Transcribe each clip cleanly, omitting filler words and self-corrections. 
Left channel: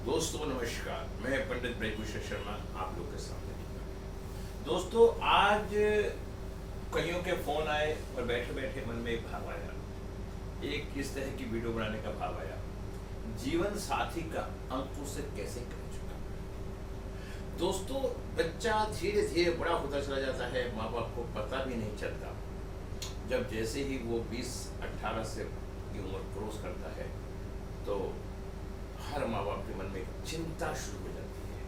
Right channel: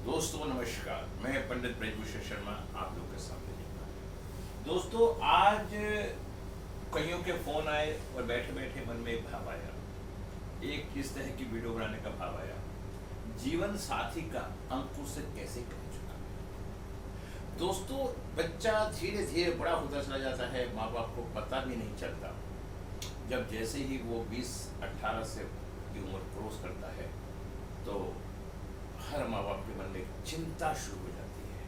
दोस्तों नमस्कार, मैं पंडित ब्रजभूषण शर्मा आप लोग के सामने। दोस्तों आज कईयों के फोन आए और बैठे बैठे मन में एक भाव आया, एक किस तरह की वीडियो बनाने का भाव आया, जीवन साथी का अंकुश से कैसे कर चुका। दोस्तों बच्चा धीरे धीरे बड़ा होता चला जाता है, माँ बाप को पता भी नहीं चलता। जब जैसे ही वो 20-18 से की उम्र क्रॉस करता है तो हर माँ बाप के मन में चिंता शुरू हो जाती है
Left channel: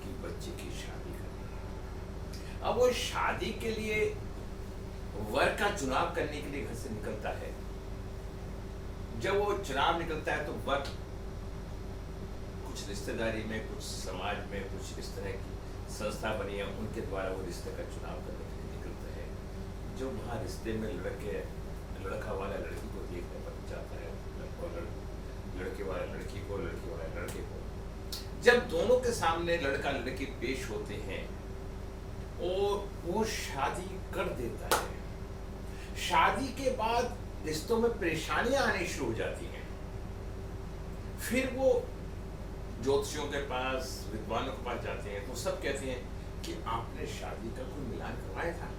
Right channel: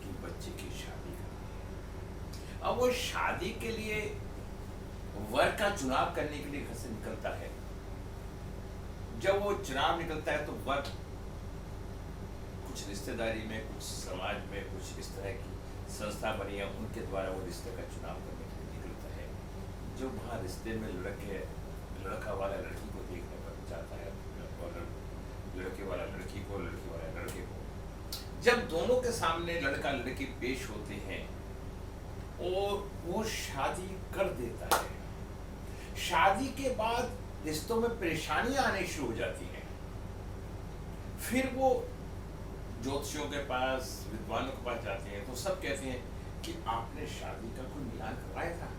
कि बच्चे की शादी करना। अब वो शादी के लिए वर का चुनाव करने के लिए घर से निकलता है। जब वो चुनाव निकलता है तो वर कुछ रिश्तेदारी में, कुछ समाज में, कुछ इस तरह की संस्था बनी है, उनके द्वारा वो रिश्ते का चुनाव करने के लिए निकलता है। जो वहाँ रिश्ते में लड़का वाला लड़की को देखने पर जाता है और लड़के वाला लड़की को, लड़की वाला लड़के को। जब दोनों के सामने लड़का लड़की पेश होते हैं और वो शादी कर देता है, शादी के बाद रिश्तों में परेशानियां आनी शुरू हो जाती हैं। फिर वो ज्योतिषियों के पास, विद्वानों के पास जाते हैं तो सब कहते हैं कि आपने शादी का कोई मिलान करवाया था?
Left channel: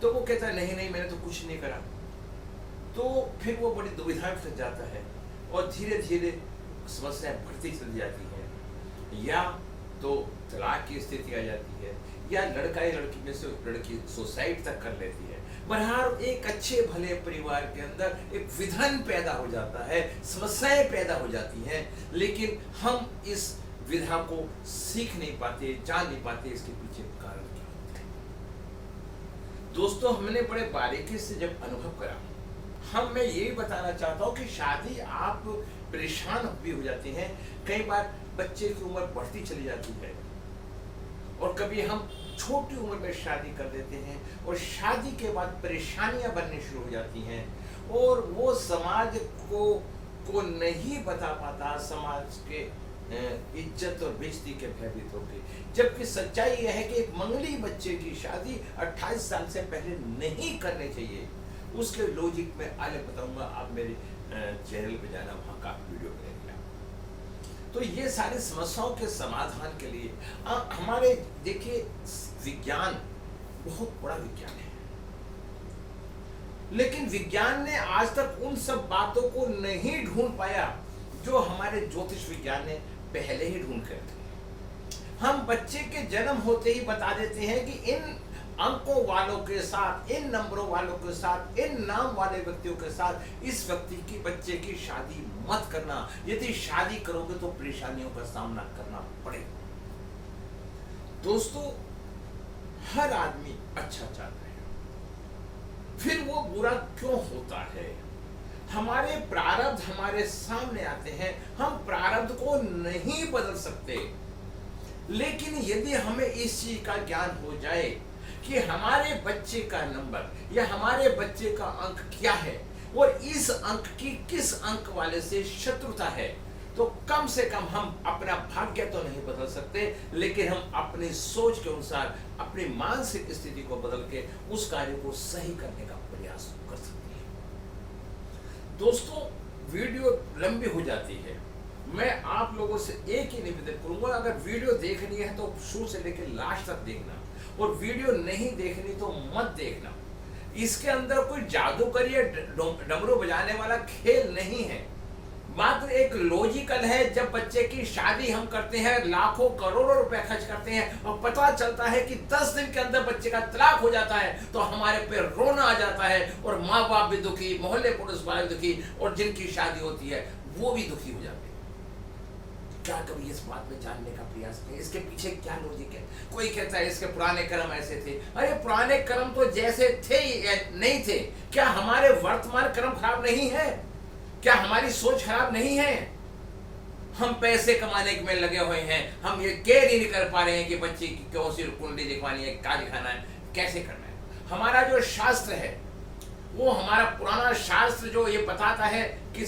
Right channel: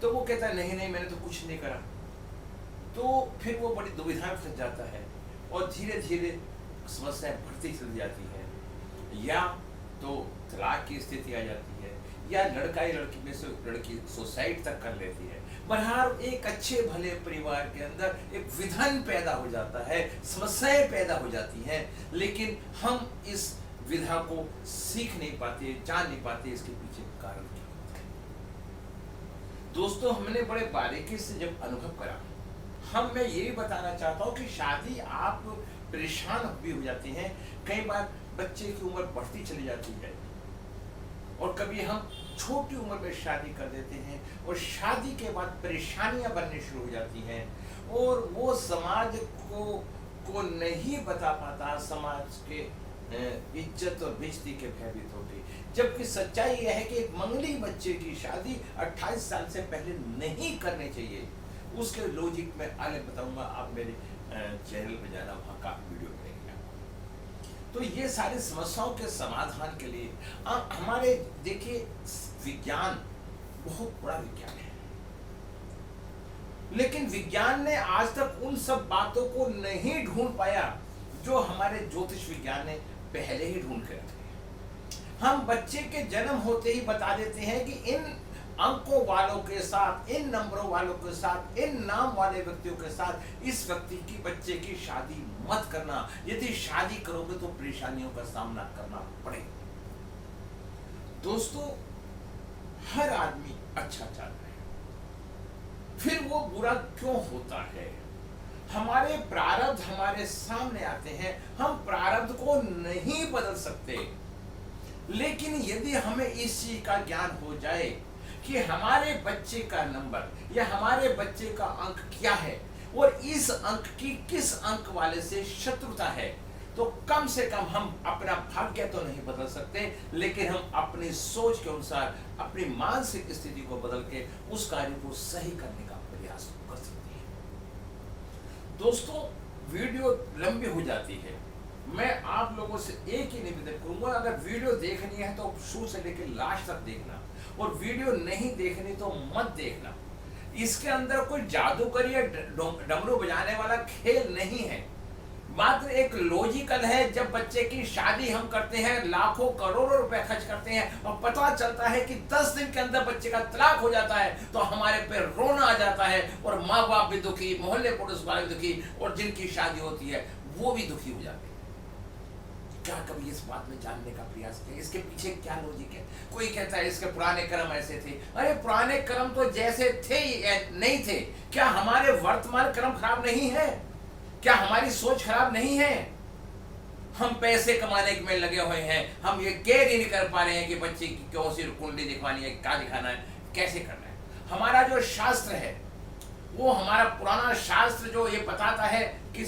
तो वो कहता है नहीं नहीं, मैंने तो कुछ नहीं करा। तो फिर वो बड़ी दुविधा में फंस जाता है और धीरे धीरे समस्याएं बढ़ती चली जाती हैं, या तो तलाक की स्थिति आ जाती है, या लड़का ही लड़की में से लड़की सुसाइड तक कर लेती है। बहरहाल एक अच्छे भले परिवार के अंदर एक विघन पैदा हो जाता है, समस्याएं पैदा हो जाती हैं, लेकिन हम इस विधा को सीख नहीं पाते, जान नहीं पाते इसके पीछे कारण क्या होता है। दोस्तों हमने बड़े बारीकी से जब अनुभव करा, मैं ये भी बताना चाहता हूँ कि शादी आप परेशान भी हो जाते हैं। कई बार बच्चे की उम्र बढ़ती चली जाती है और कभी हम छोटी उम्र में शादी कर देते हैं और शादी के बाद परेशानियां बनने शुरू हो जाती हैं और वो समाज को नहीं बता पाता, समाज के इज्जत और बेइज्जती के भयभीत होकर। जबकि सच्चाई यह है कि एक मंगली बच्चे की शादी 28 साल से पहले नहीं करनी चाहिए। उसके लॉजिक में आगे बताऊंगा, आप मेरे चैनल पे जाना, वहाँ काफी वीडियो मिलेंगे। तो ये सारी समस्याओं के समाधान के लिए हमारे देखिए विज्ञान बहुत बड़ा विज्ञान है, लेकिन विज्ञान ने आज तक उन सब बातों को नहीं ढूंढ पाया जो हमारे ज्योतिष विज्ञान ने पहले ही ढूंढ कर रखे। हम बच्चे के जन्म होते ही बता देते हैं कि इन अंकों वालों के साथ, इन नंबरों वालों के साथ, इन नाम वाले व्यक्तियों के साथ इस व्यक्ति की, बच्चे की शादी मत करना। यदि शादी करोगे तो परेशानियों का सामना करना पड़ेगा। दोस्तों हर आदमी अच्छा चाहता है, फिर वो बुरा क्यों होता है? हमारे प्रारब्ध हमारे सामने आते हैं, हम प्रारब्ध को नहीं बदल सकते, लेकिन यदि हमें इस चीज का ज्ञान हो जाए कि हमारे बच्चे का नंबर या हमारे बच्चे का अंक क्या है और इस अंक की किस अंक वाले से शत्रुता है, तो कम से कम हम अपना भाग्य तो नहीं बदल सकते, लेकिन हम अपनी सोच के अनुसार अपनी मानसिक स्थिति को बदल के उस कार्य को सही करने का प्रयास कर सकते हैं। दोस्तों वीडियो लंबी हो जाती है, मैं आप लोगों से एक ही निवेदन करूंगा, अगर वीडियो देखनी है तो शुरू से लेकर लास्ट तक देखना, और वीडियो नहीं देखनी तो मत देखना। इसके अंदर कोई जादूगरी या डमरू बजाने वाला खेल नहीं है, मात्र एक लॉजिकल है। जब बच्चे की शादी हम करते हैं, लाखों करोड़ों रुपए खर्च करते हैं और पता चलता है कि 10 दिन के अंदर बच्चे का तलाक हो जाता है, तो हमारे पे रोना आ जाता है और माँ बाप भी दुखी, मोहल्ले पड़ोस वाले भी दुखी, और जिनकी शादी होती है वो भी दुखी हो जाते हैं। क्या कभी इस बात में जानने का प्रयास किया इसके पीछे क्या लॉजिक है? कोई कहता है इसके पुराने कर्म ऐसे थे। अरे पुराने कर्म तो जैसे थे या नहीं थे, क्या हमारे वर्तमान कर्म खराब नहीं है? क्या हमारी सोच खराब नहीं है? हम पैसे कमाने में लगे हुए हैं, हम ये केयर ही नहीं कर पा रहे हैं कि बच्चे की कौन सी कुंडली दिखवानी है, क्या दिखाना है, कैसे करना है। हमारा जो शास्त्र है, वो हमारा पुराना शास्त्र जो ये बताता है कि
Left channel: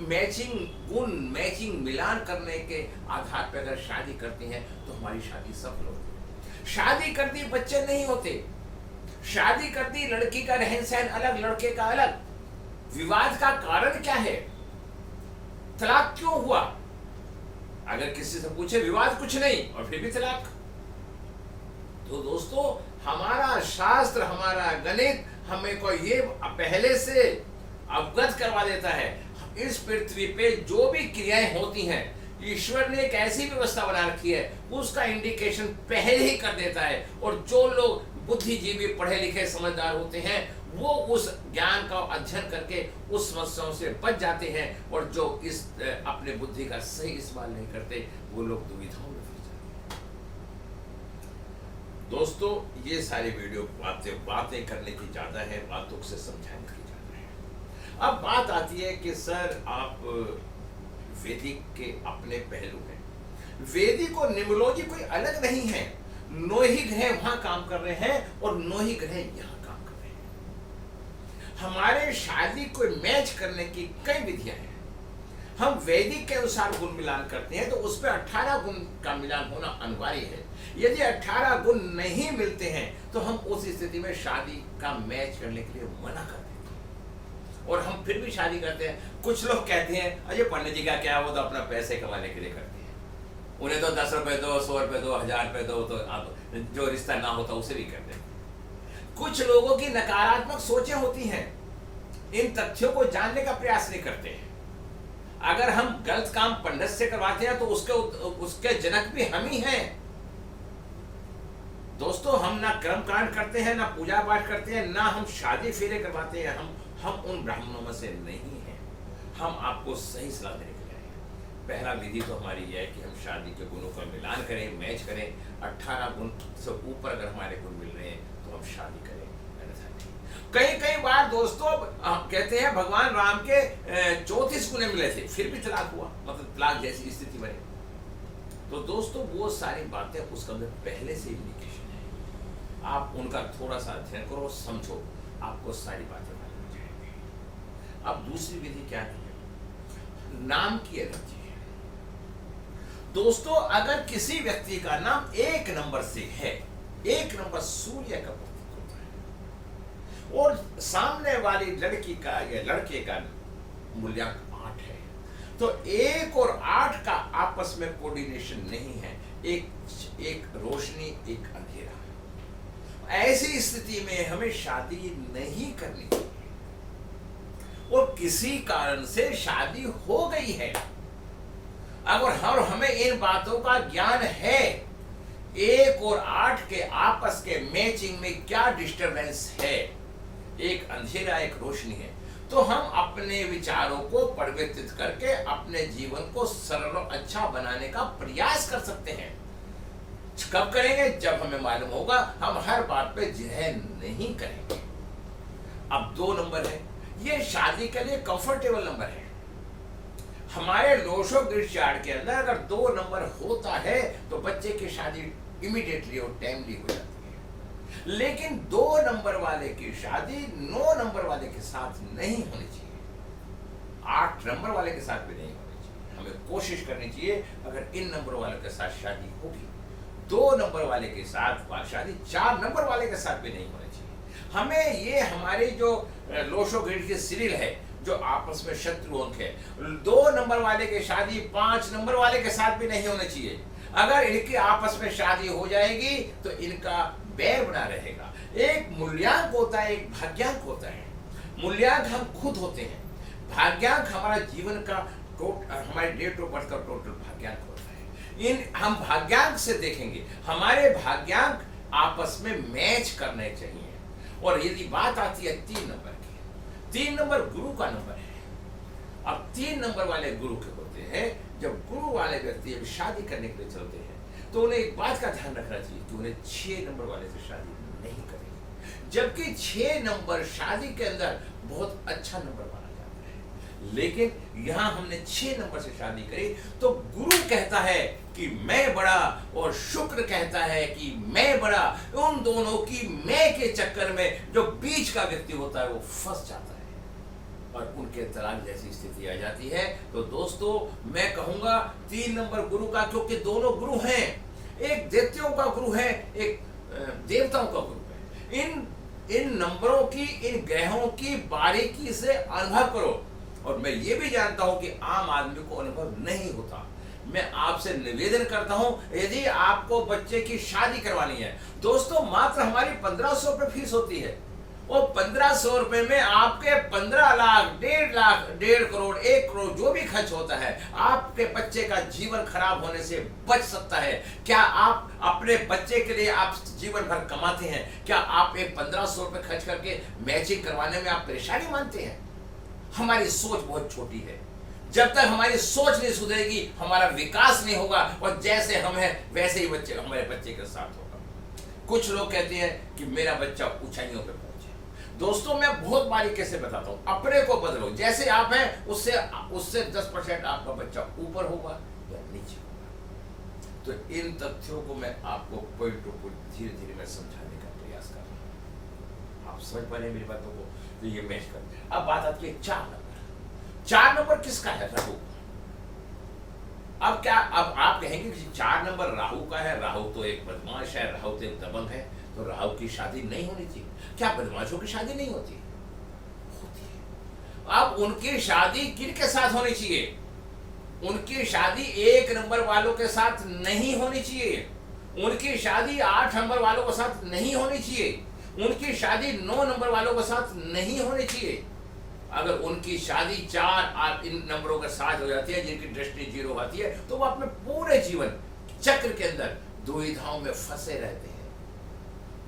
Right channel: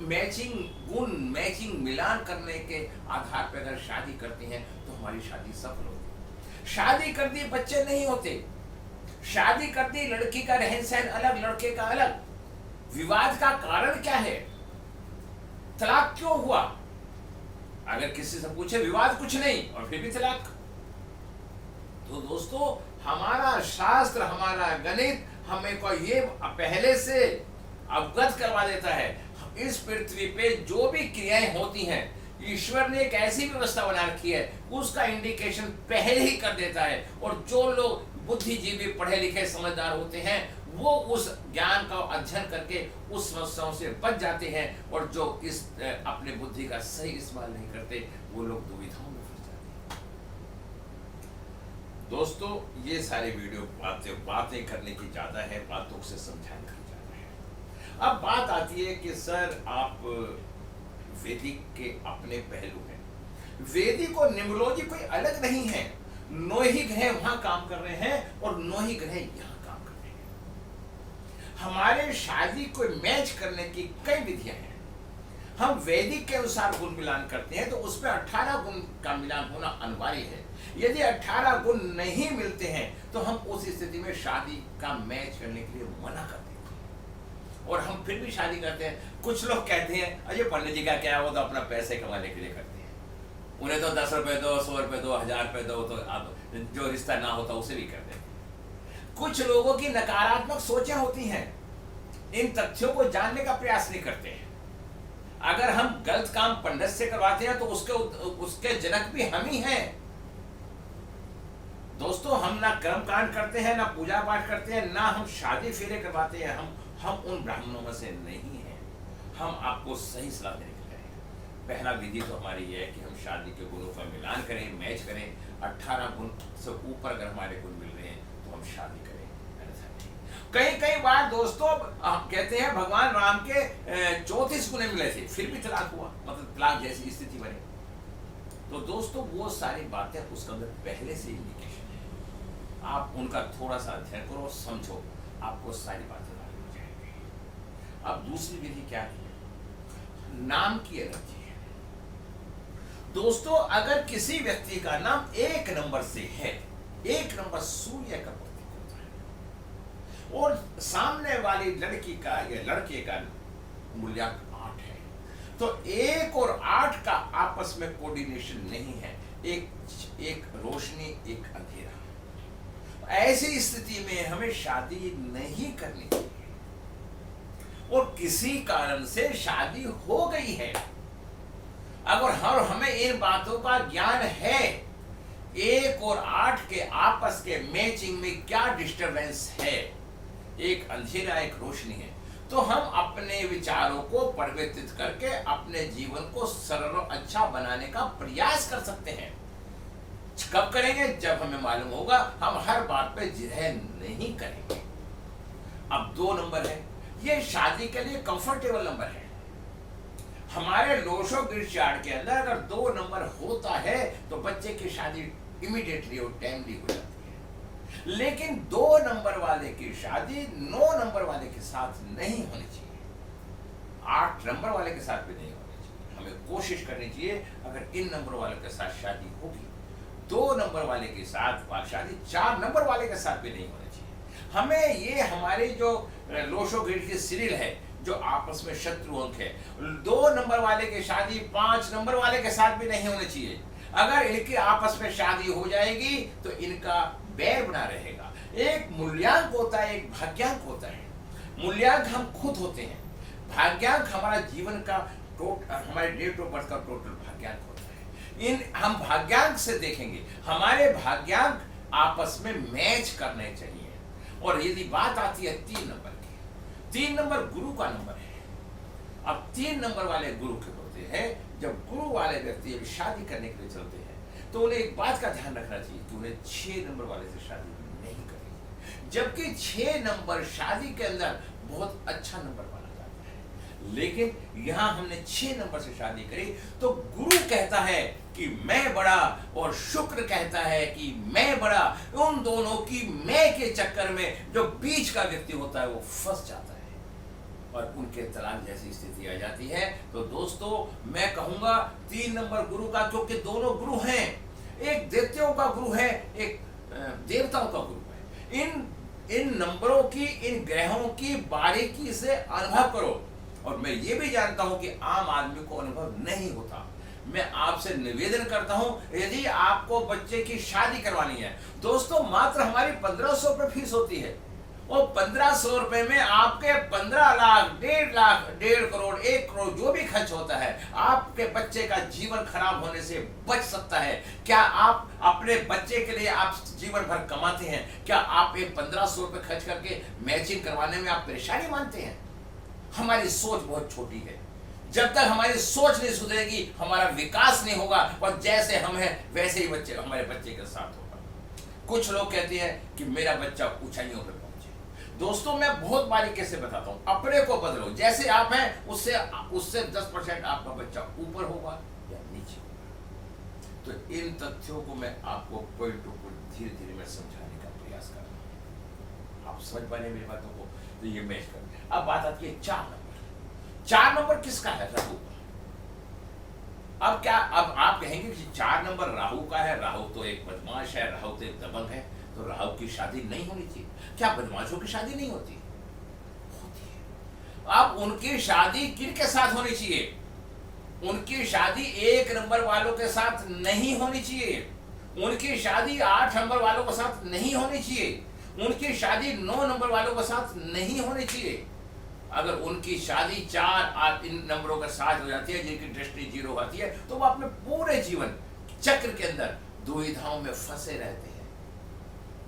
मैचिंग गुण, मैचिंग मिलान करने के आधार पर अगर शादी करती हैं तो हमारी शादी सफल होती है। शादी कर दी बच्चे नहीं होते, शादी कर दी लड़की का रहन सहन अलग, लड़के का अलग। विवाद का कारण क्या है? तलाक क्यों हुआ? अगर किसी से पूछे विवाद कुछ नहीं और फिर भी तलाक। तो दोस्तों हमारा शास्त्र, हमारा गणित हमें को ये पहले से अवगत करवा देता है। इस पृथ्वी पे जो भी क्रियाएं होती हैं, ईश्वर ने एक ऐसी व्यवस्था बना रखी है, उसका इंडिकेशन पहले ही कर देता है। और जो लोग बुद्धिजीवी, पढ़े लिखे, समझदार होते हैं, वो उस ज्ञान का अध्ययन करके उस समस्याओं से बच जाते हैं। और जो इस अपने बुद्धि का सही इस्तेमाल नहीं करते, वो लोग दुविधाओं में फंस जाते हैं। दोस्तों ये सारी वीडियो बातें करने की ज्यादा है, बातों से समझाने की ज्यादा है। अब बात आती है कि सर आप वैदिक के अपने पहलू हैं। वैदिक और न्यूमरोलॉजी कोई अलग नहीं है। 9 ही ग्रह वहां काम कर रहे हैं और 9 ही ग्रह यहां काम कर रहे हैं। हमारे शादी को मैच करने की कई विधियां हैं। हम वैदिक के अनुसार गुण मिलान करते हैं तो उस पर 18 गुण का मिलान होना अनिवार्य है। यदि 18 गुण नहीं मिलते हैं तो हम उस स्थिति में शादी का मैच करने के लिए मना कर देते हैं और हम फिर भी शादी करते हैं। कुछ लोग कहते हैं अजय पंडित जी का क्या, वो तो अपना पैसे कमाने के लिए करते हैं, उन्हें तो 10 रुपए दो, 100 रुपए दो, 1000 रुपए दो, तो आप जो रिश्ता ना होता उसे भी कर देते। कुछ लोगों की नकारात्मक सोचें होती हैं, इन तथ्यों को जानने का प्रयास नहीं करते हैं। अगर हम गलत काम पंडित से करवाते हैं तो उसके जनक भी हम ही हैं। दोस्तों हम ना कर्मकांड करते हैं, ना पूजा पाठ करते हैं, ना हम शादी फेरे करवाते हैं। हम उन ब्राह्मणों में से नहीं हैं। हम आपको सही सलाह देने के लिए आए हैं। पहला विधि तो हमारी यह है कि हम शादी के गुणों का मिलान करें, मैच करें। 18 गुण से ऊपर अगर हमारे गुण मिल रहे हैं तो हम शादी करें। कई बार दोस्तों कहते हैं भगवान राम के 34 गुणे मिले थे, फिर भी तलाक हुआ, मतलब तलाक जैसी स्थिति बनी। तो दोस्तों वो सारी बातें उसके अंदर पहले से इंडिकेशन है। आप उनका थोड़ा सा अध्ययन करो, समझो, आपको सारी बातें मालूम हो जाएंगी। अब दूसरी विधि क्या है? नाम की एलर्जी है। दोस्तों अगर किसी व्यक्ति का नाम 1 नंबर से है, 1 नंबर सूर्य का और सामने वाली लड़की का या लड़के का मूल्यांक 8 है, तो 1 और 8 का आपस में कोऑर्डिनेशन नहीं है। एक रोशनी, एक अंधेरा। ऐसी स्थिति में हमें शादी नहीं करनी चाहिए। और किसी कारण से शादी हो गई है, अगर हमें इन बातों का ज्ञान है, 1 और 8 के आपस के मैचिंग में क्या डिस्टरबेंस है, एक अंधेरा एक रोशनी है, तो हम अपने विचारों को परिवर्तित करके अपने जीवन को सरल और अच्छा बनाने का प्रयास कर सकते हैं। कब करेंगे? जब हमें मालूम होगा। हम हर बात पे जिरह नहीं करेंगे। अब 2 नंबर है, ये शादी के लिए कंफर्टेबल नंबर है। हमारे लोशो ग्रिड चार्ट के अंदर अगर 2 नंबर होता है तो बच्चे की शादी इमीडिएटली और टाइमली हो जाती है। लेकिन 2 नंबर वाले की शादी 9 नंबर वाले के साथ नहीं होनी चाहिए, 8 नंबर वाले के साथ भी नहीं होनी चाहिए। हमें कोशिश करनी चाहिए अगर इन नंबर वाले के साथ शादी होगी, 2 नंबर वाले के साथ शादी 4 नंबर वाले के साथ भी नहीं होनी चाहिए। हमें ये हमारी जो लोशो ग्रिड की सीरियल है, जो आपस में शत्रु अंक है, 2 नंबर वाले की शादी 5 नंबर वाले के साथ भी नहीं होनी चाहिए। अगर इनकी आपस में शादी हो जाएगी तो इनका बैर बना रहेगा। एक मूल्यांक होता है, एक भाग्यांक होता है। मूल्यांक हम खुद होते हैं, भाग्यांक हमारा जीवन का हमारे डेट ऑफ बर्थ का टोटल भाग्यांक होता है। हम भाग्यांक से देखेंगे, हमारे भाग्यांक आपस में मैच करने चाहिए। और यदि बात आती है 3 नंबर की, 3 नंबर गुरु का नंबर है। अब 3 नंबर वाले गुरु के होते हैं। जब गुरु वाले व्यक्ति अभी शादी करने के लिए चलते हैं तो उन्हें एक बात का ध्यान रखना चाहिए कि उन्हें 6 नंबर वाले से शादी नहीं करनी। जबकि 6 नंबर शादी के अंदर बहुत अच्छा नंबर माना जाता है, लेकिन यहां हमने 6 नंबर से शादी करी तो गुरु कहता है कि मैं बड़ा और शुक्र कहता है कि मैं बड़ा। उन दोनों की मैं के चक्कर में जो बीच का व्यक्ति होता है वो फंस जाता है और उनके तलाक जैसी स्थिति आ जाती है। तो दोस्तों मैं कहूंगा 3 नंबर गुरु का, क्योंकि दोनों गुरु हैं, एक दैत्यों का गुरु है, एक देवताओं का गुरु है। इन नंबरों की, इन ग्रहों की बारीकी से अनुभव करो। और मैं ये भी जानता हूं कि आम आदमी को अनुभव नहीं होता। मैं आपसे निवेदन करता हूं, यदि आपको बच्चे की शादी करवानी है दोस्तों, मात्र हमारी 1500 रुपये फीस होती है। और 1500 रुपए में आपके 15 लाख, 1.5 लाख, 1.5 करोड़, 1 करोड़ जो भी खर्च होता है, आपके बच्चे का जीवन खराब होने से बच सकता है। क्या आप अपने बच्चे के लिए आप जीवन भर कमाते हैं? क्या आप ये 1500 रुपए खर्च करके मैचिंग करवाने में आप परेशानी मानते हैं? हमारी सोच बहुत छोटी है। जब तक हमारी सोच नहीं सुधरेगी, हमारा विकास नहीं होगा, और जैसे हम हैं वैसे ही बच्चे हमारे बच्चे के साथ होगा। कुछ लोग कहते हैं कि मेरा बच्चा ऊंचाइयों पे पहुंचे। दोस्तों, मैं बहुत बारीकी से बताता हूं, अपने को बदलो। जैसे आप हैं उससे उससे 10% आपका बच्चा ऊपर होगा या नीचे होगा। तो इन तथ्यों को मैं आपको पॉइंट टू पॉइंट धीरे धीरे मैं समझाने का प्रयास कर रहा हूं। आप समझ पा रहे हैं मेरी बातों को? तो ये मैच कर। अब बात आती है 4 नंबर। 4 नंबर किसका है? राहु। अब क्या, अब आप कहेंगे कि 4 नंबर राहु का है। राहु तो एक बदमाश है, राहु तो एक दबंग है, तो राहु की शादी नहीं होनी चाहिए। क्या बदमाशों की शादी नहीं होती? होती है। अब उनकी शादी किन के साथ होनी चाहिए? उनकी शादी 1 नंबर वालों के साथ नहीं होनी चाहिए। उनकी शादी 8 नंबर वालों के साथ नहीं होनी चाहिए। उनकी शादी 9 नंबर वालों के साथ नहीं होनी चाहिए। अगर उनकी शादी 4 इन नंबरों के साथ हो जाती है, जिनकी दृष्टि 0 होती है, तो वो अपने पूरे जीवन चक्र के अंदर दुविधाओं में फंसे रहते हैं।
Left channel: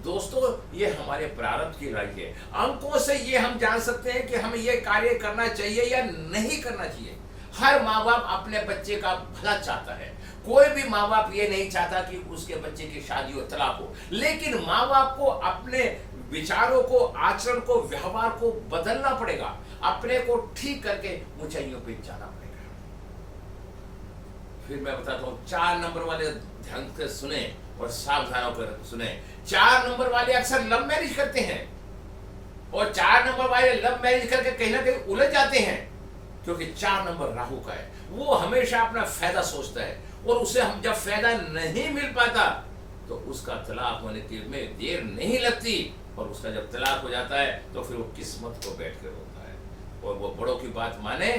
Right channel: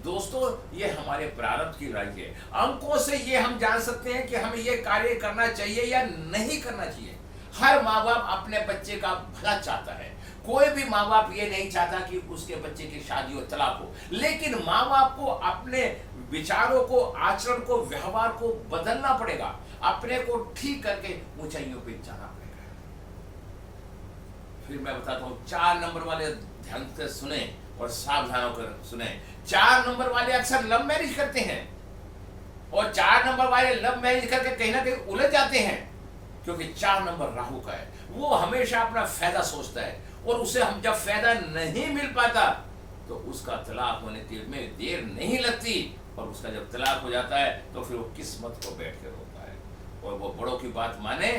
दोस्तों, ये हमारे प्रारब्ध की राय है। अंकों से ये हम जान सकते हैं कि हमें ये कार्य करना चाहिए या नहीं करना चाहिए। हर माँ बाप अपने बच्चे का भला चाहता है। कोई भी माँ बाप ये नहीं चाहता कि उसके बच्चे की शादी हो, तलाक हो। लेकिन माँ बाप को अपने विचारों को, आचरण को, व्यवहार को बदलना पड़ेगा। अपने को ठीक करके ऊंचाइयों पे जाना पड़ेगा। फिर मैं बताता हूं, 4 नंबर वाले ध्यान से सुने और सावधान होकर सुने। 4 नंबर वाले अक्सर लव मैरिज करते हैं, और 4 नंबर वाले लव मैरिज करके कहीं ना कहीं उलझ जाते हैं, क्योंकि 4 नंबर राहु का है। वो हमेशा अपना फायदा सोचता है, और उसे हम जब फायदा नहीं मिल पाता तो उसका तलाक होने के में देर नहीं लगती, और उसका जब तलाक हो जाता है तो फिर वो किस्मत को बैठ कर रोता है, और वो बड़ों की बात माने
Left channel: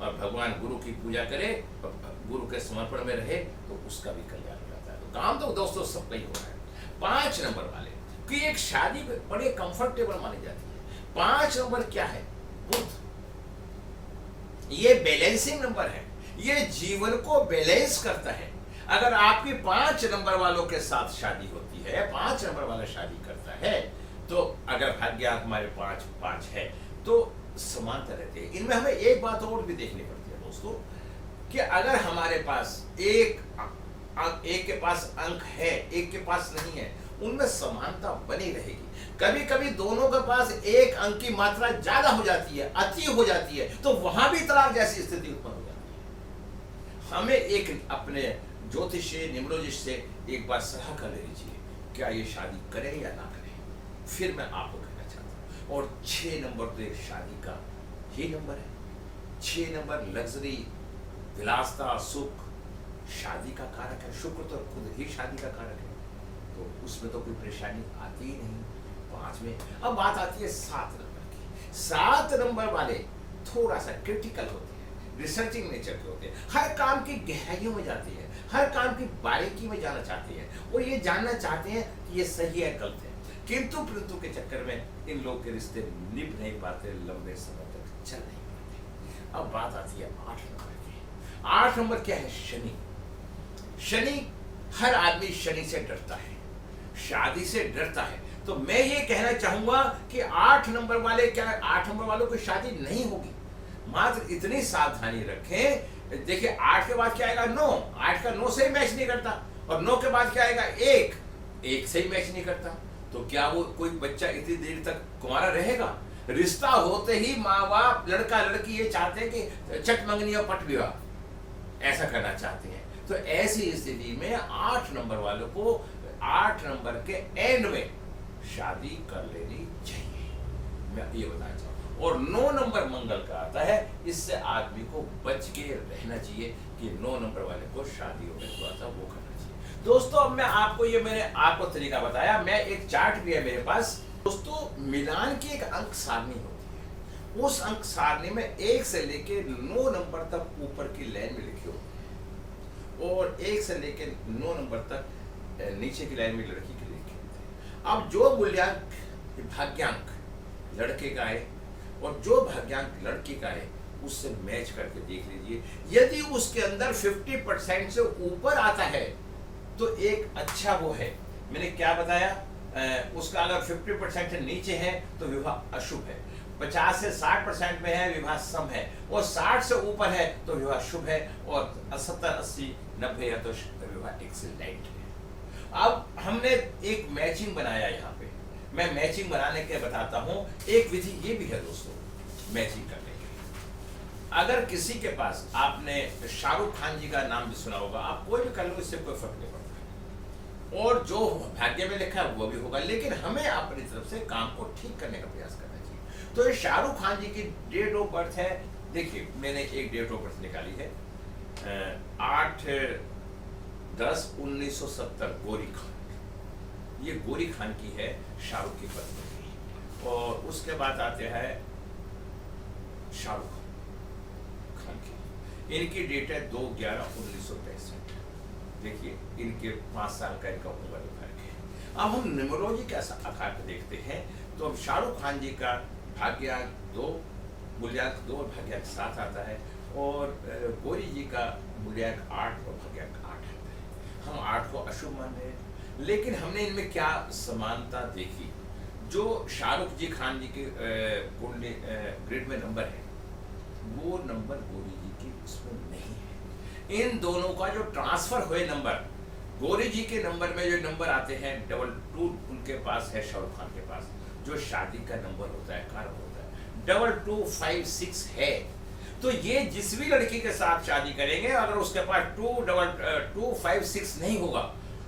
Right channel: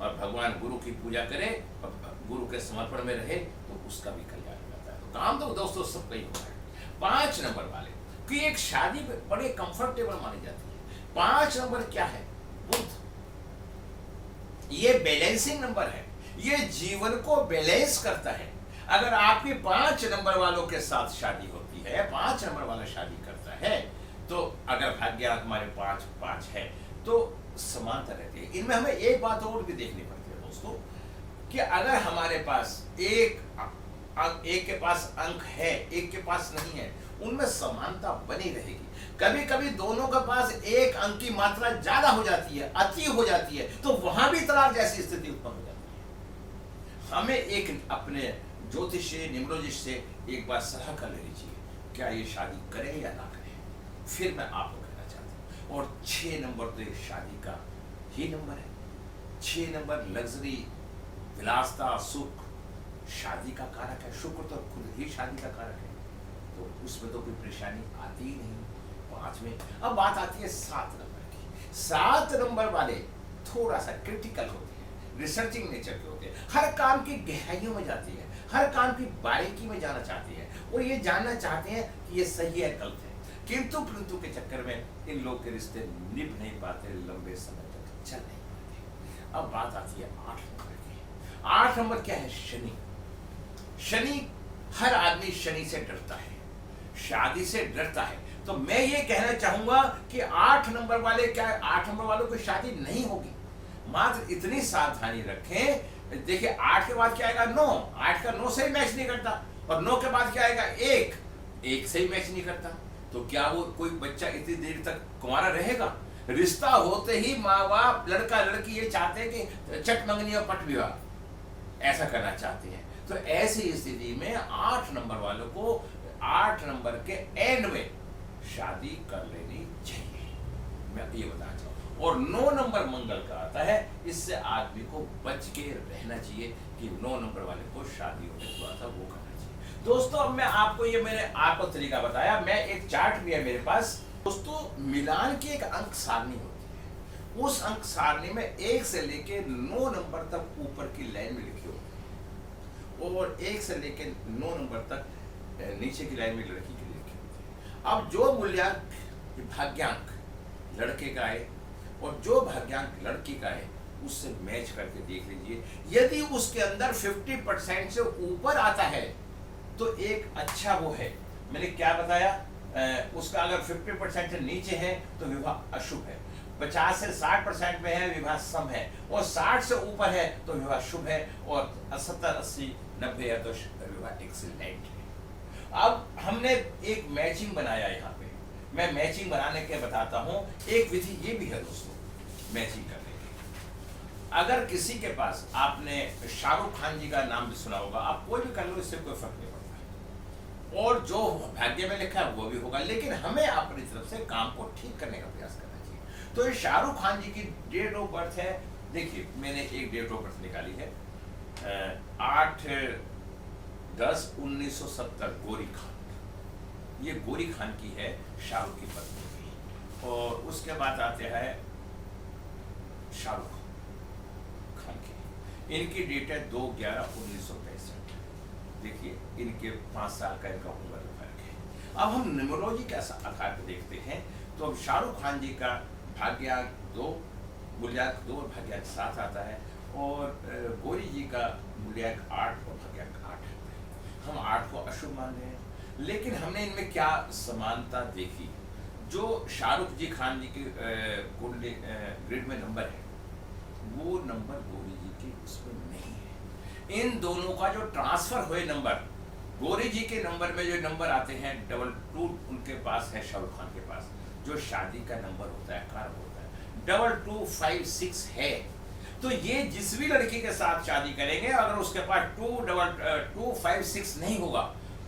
और भगवान गुरु की पूजा करे और गुरु के समर्पण में रहे, तो उसका भी कल्याण हो जाता है। तो काम तो दोस्तों सब नहीं हो रहा है। 5 नंबर वाले की एक शादी बड़े कंफर्टेबल मानी जाती है। 5 नंबर क्या है? बुध। ये बैलेंसिंग नंबर है, ये जीवन को बैलेंस करता है। अगर आपकी 5 नंबर वालों के साथ शादी होती है, 5 नंबर वाला शादी करता है, तो अगर भाग्य हमारे 5 है तो समानता रहती है। इनमें हमें एक बात और भी देखनी पड़ती है दोस्तों, कि अगर हमारे पास एक के पास अंक है, एक के पास नहीं है, उनमें समानता बनी रहेगी। कभी कभी दोनों के पास एक अंक की मात्रा ज्यादा हो जाती है, अति हो जाती है, तो वहां भी तलाक जैसी स्थिति उत्पन्न हो जाती है। हमें एक अपने ज्योतिष से, न्यूमरोलॉजिस्ट से एक बार सलाह कर लेनी चाहिए, क्या ये शादी करें या ना करें। फिर मैं आपको कहना चाहता हूँ। और 6 नंबर तो एक शादी का ही नंबर है। 6 नंबर लग्जरी, विलासता, सुख, शादी का कारक है। शुक्र तो खुद ही शादी का कारक है, तो उसमें तो कोई परेशानी आती ही नहीं। 5 में अब बात आती है 7 नंबर की। 7 नंबर वाले थोड़ा सा क्रिटिकल होते हैं, रिसर्चिंग नेचर के होते हैं, हर काम की गहराइयों में जाते हैं, हर काम की बारीकी में जाना चाहते हैं। वो ये जानना चाहते हैं कि ये सही है गलत है, किंतु परंतु के चक्कर में इन लोग के रिश्ते निभ नहीं पाते, लंबे समय तक चल नहीं पाते। अब बात आती है 8 नंबर की। 8 नंबर क्या है? शनि। शनि, हर आदमी शनि से डरता है, शादी से डरता है। तो मैं ये कहना चाहूंगा कि 8 नंबर वाले, क्या 8 नंबर वालों की शादी नहीं होगी। मात्र इतनी सावधानी रखें। देखिए 8 के बाद क्या आएगा? 9। 8 का 9 से ही मैच नहीं करता, और 9 के बाद क्या आएगा? 1 से ही मैच नहीं करता। तो क्या वो कोई बच्चा इतनी देर तक कुंवारा रहेगा? रिश्ता होते ही माँ बाप, लड़का लड़की ये चाहते हैं कि चट मंगनी और पट विवाह ऐसा करना चाहते हैं। तो ऐसी स्थिति में 8 नंबर वालों को 8 नंबर के एंड में शादी कर लेनी चाहिए, मैं ये बताना चाहूँ। और 9 नंबर मंगल का आता है, इससे आदमी को बच के रहना चाहिए कि 9 नंबर वाले को शादी होने को आता वो करना चाहिए। दोस्तों, अब मैं आपको ये मैंने आपको तरीका बताया। मैं एक चार्ट भी है मेरे पास दोस्तों। मिलान की एक अंक सारणी होती है, उस अंक सारणी में 1 से लेके 9 नंबर तक ऊपर की लाइन में लिखी होती है। और 1 से लेकर 9 नंबर तक नीचे की लाइन में लड़की के लिखे होते हैं। अब जो मूल्यांक भाग्यांक लड़के का है और जो भाग्यांक लड़की का है उससे मैच करके देख लीजिए। यदि उसके अंदर 50% से ऊपर आता है तो एक अच्छा वो है। मैंने क्या बताया, उसका अगर 50% से नीचे है तो विवाह अशुभ है, 50 से 60% में है विवाह सम है, और 60 से ऊपर है तो विवाह शुभ है, और 70, 80, 90 है तो विवाह एक्सीलेंट है। अब हमने एक मैचिंग बनाया यहाँ पे, मैं मैचिंग बनाने के बताता हूँ। एक विधि ये भी है दोस्तों मैचिंग करने की। अगर किसी के पास, आपने शाहरुख खान जी का नाम भी सुना होगा, आप कोई भी कर लो, इससे कोई फर्क नहीं पड़ता, और जो भाग्य में लिखा है वो भी होगा, लेकिन हमें अपनी तरफ से काम को ठीक करने का प्रयास करना चाहिए। तो ये शाहरुख खान जी की डेट ऑफ बर्थ है, देखिए मैंने एक डेट ऑफ बर्थ निकाली है, 8/10/1970, गोरी खान। ये गोरी खान की है, शाहरुख की पत्नी की। और उसके बाद आते हैं शाहरुख खान की, इनकी डेट है 2/11/1963। देखिए इनके 5 साल का इनका उम्र फर्क है। अब हम न्यूमरोलॉजी के आधार पर देखते हैं, तो अब शाहरुख खान जी का भाग्यांक 2, मूल्यांक 2 और भाग्यांक 7 आता है, और गौरी जी का मूल्यांक 8 और भाग्यांक 8 आता है। हम 8 को अशुभ मान रहे हैं, लेकिन हमने इनमें क्या समानता देखी। जो शाहरुख जी खान जी के कुंडली ग्रिड में नंबर है, वो नंबर गौरी जी के उसमें नहीं है। इन दोनों का जो ट्रांसफर हुए नंबर, गौरी जी के नंबर में जो नंबर आते हैं 22 उनके पास है, शाहरुख खान के पास जो शादी का नंबर होता है, कारक होता है 2256 है। तो ये जिस भी लड़की के साथ शादी करेंगे, अगर उसके पास 2256 नहीं होगा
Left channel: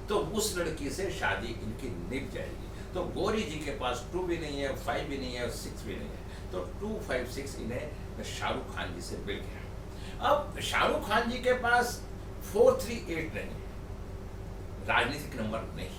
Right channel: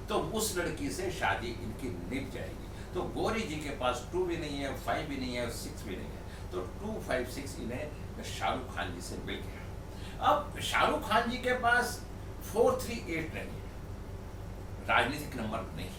तो उस लड़की से शादी इनकी निभ जाएगी। तो गौरी जी के पास 2 भी नहीं है, 5 भी नहीं है और 6 भी नहीं है, तो 256 इन्हें शाहरुख खान जी से मिल गया। अब शाहरुख खान जी के पास 438 नहीं है, राजनीतिक नंबर नहीं है,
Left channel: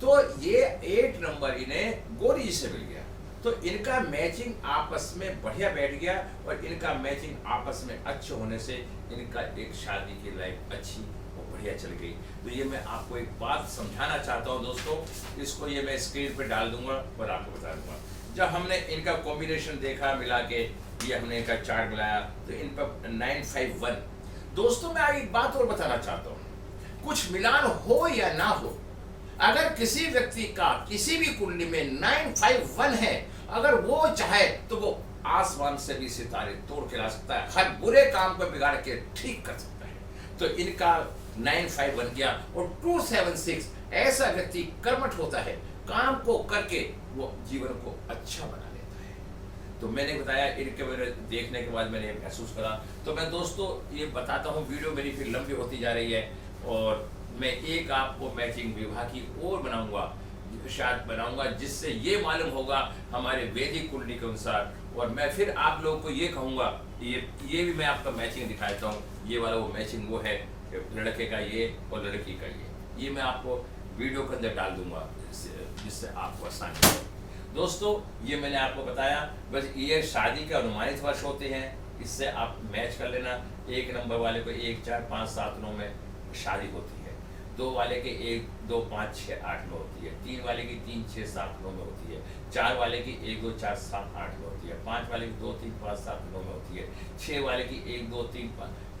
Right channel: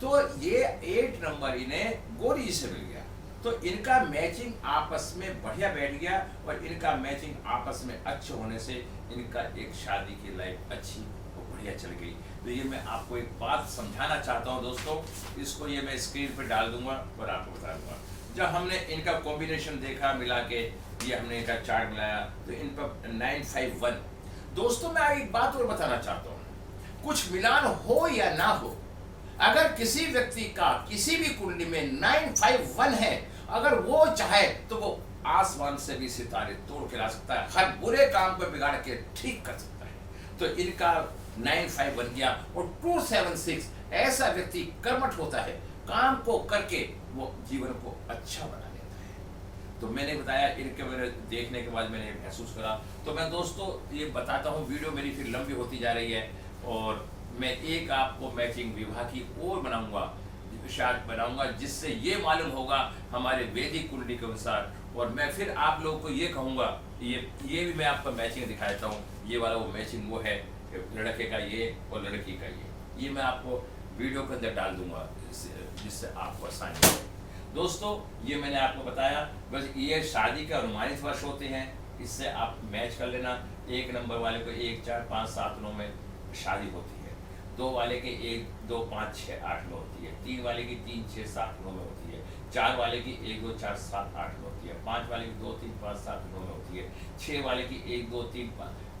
तो ये 8 नंबर इन्हें गौरी जी से मिल गया। तो इनका मैचिंग आपस में बढ़िया बैठ गया, और इनका मैचिंग आपस में अच्छे होने से इनका एक शादी की लाइफ अच्छी और बढ़िया चल गई। तो ये मैं आपको एक बात समझाना चाहता हूँ दोस्तों, इसको ये मैं स्क्रीन पे डाल दूंगा और आपको बता दूंगा। जब हमने इनका कॉम्बिनेशन देखा मिला के, ये हमने इनका चार्ट बनाया, तो इन पर 951। दोस्तों मैं आगे एक बात और बताना चाहता हूँ, कुछ मिलान हो या ना हो, अगर किसी व्यक्ति का किसी भी कुंडली में 951 है, अगर वो चाहे तो वो आसमान से भी सितारे तोड़ के ला सकता है, हर बुरे काम को बिगाड़ के ठीक कर सकता है। तो इनका 95 बन गया। और 276 ऐसा व्यक्ति कर्मठ होता है, काम को करके वो जीवन को अच्छा बना लेता है। तो मैंने बताया, इनके मेरे देखने के बाद मैंने महसूस करा। तो मैं दोस्तों ये बताता हूँ, वीडियो मेरी फिर लंबी होती जा रही है, और मैं एक आपको मैचिंग विवाह की और बनाऊंगा, शायद बनाऊंगा, जिससे ये मालूम होगा हमारे वैदिक कुंडली के अनुसार। और मैं फिर आप लोगों को ये कहूँगा, ये भी मैं आपको मैचिंग दिखाता हूँ। ये वाला वो मैचिंग वो है, लड़के का ये और लड़की का ये मैं आपको वीडियो के अंदर डाल दूंगा, जिससे आपको आसानी हो। दोस्तों ये मैंने आपको बताया, बस ये शादी के अनुमानित वर्ष होते हैं, इससे आप मैच कर लेना। 1 नंबर वाले को 1, 4, 5, 7, 9 में शादी होती है, 2 वाले के 1, 2, 5, 6, 8 में होती है, 3 वाले की 3, 6, 7, 9 में होती है, 4 वाले की 1, 2, 4, 7, 8 में होती है, 5 वाले की 2, 3, 5, 7, 9 में होती है, 6 वाले की 1, 2, 3,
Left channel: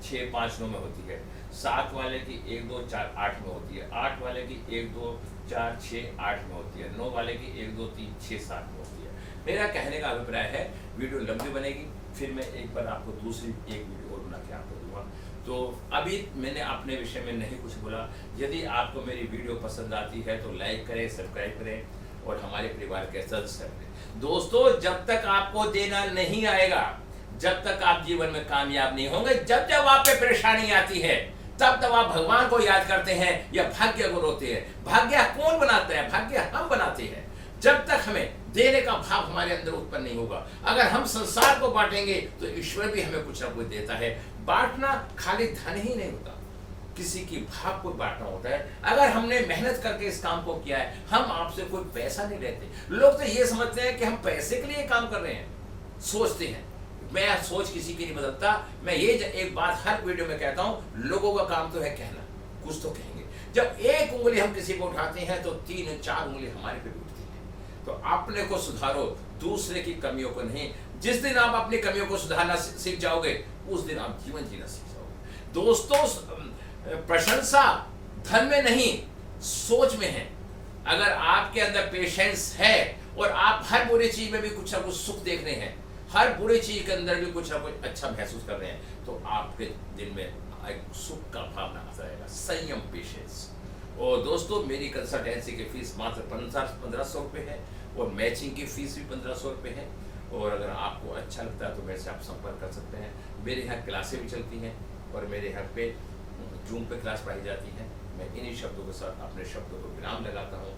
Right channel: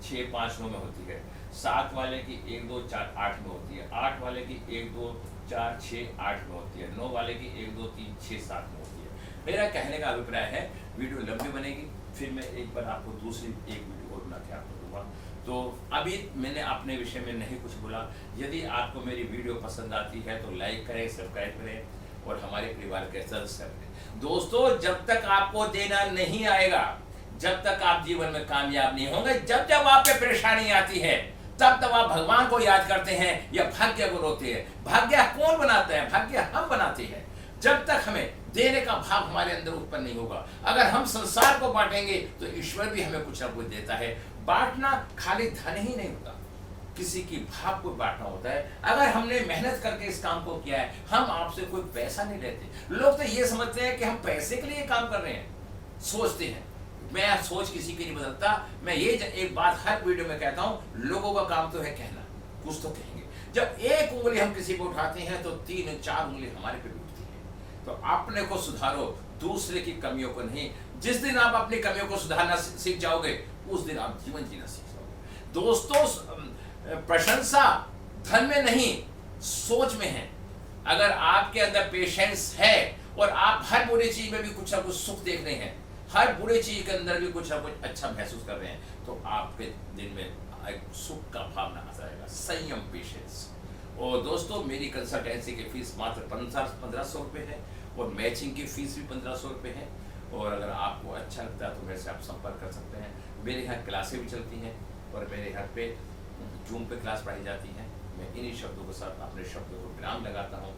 6, 5, 9 में होती है, 7 वाले की 1, 2, 4, 8 में होती है, 8 वाले की 1, 2, 4, 6, 8 में होती है, 9 वाले की 1, 2, 3, 6, 7 में होती है। मेरा कहने का अभिप्राय है, वीडियो लंबी बनेगी, फिर मैं एक बार आपको दूसरी एक वीडियो और बना के आपको दूंगा। तो अभी मैंने अपने विषय में नहीं कुछ बोला। यदि आपको मेरी वीडियो पसंद आती है तो लाइक करें, सब्सक्राइब करें और हमारे परिवार के सदस्य बनें। दोस्तों जब तक आपको देना नहीं आएगा, जब तक आप जीवन में कामयाब नहीं होंगे, जब जब आप पे परेशानी आती है, तब तब आप भगवान को याद करते हैं या भाग्य को रोते हैं। भाग्य कौन बनाते हैं? भाग्य हम बनाते हैं। जब तक हमें देने का भाव हमारे अंदर उत्पन्न नहीं होगा, अगर हम संसार को बांटेंगे तो ईश्वर भी हमें कुछ ना कुछ देता है। बांटना खाली धन ही नहीं होता, किसी की भाव को बांटना होता है। अगर हमने मेहनत करके इस काम को किया है, हम आपसे कोई पैसा नहीं लेते। लोग तो ये समझते हैं कि हम पैसे के लिए काम कर रहे हैं, सोचते हैं, मैं सोच किसी की नहीं बदलता। मैं ये एक बात हर वीडियो में कहता हूँ, लोगों का काम तो है कहना, कुछ तो कहेंगे। जब एक उंगली हम किसी पे उठाते हैं तो 3-4 उंगली हमारे पे भी उठती है। तो अपने को सुधारो, दूसरे की कमियों को नहीं। जिस दिन आप अपनी कमियों को सुधारना सीख जाओगे, उस दिन आप जीवन जीना सीख जाओगे। दोस्तों, प्रशंसा धन में नहीं, सोच में है। अगर आपके अंदर पेशेंस है और आप हर बुरी चीज में भी कुछ ना कुछ सुख देख रहे हैं, हर बुरी चीज के अंदर भी कुछ ना कुछ अच्छा महसूस कर रहे हैं, तो आपके दिल में एक सुख का भावना आ जाएगा। संयम, पेशेंस। और दोस्तों, मेरी कंसल्टेंसी की फीस मात्र 1500 रुपये है और मैचिंग की फीस भी 1500 रुपये है। और अगर आपको अच्छा लगता है तो मेरे से आप संपर्क कर सकते हैं। मेरे यहाँ क्लासें भी चलती हैं और मेरे यहाँ पे जूम पे क्लास पढ़ाई जाती है। मैं इन्हीं शब्दों के साथ अपने शब्दों को विराम लगाता हूँ।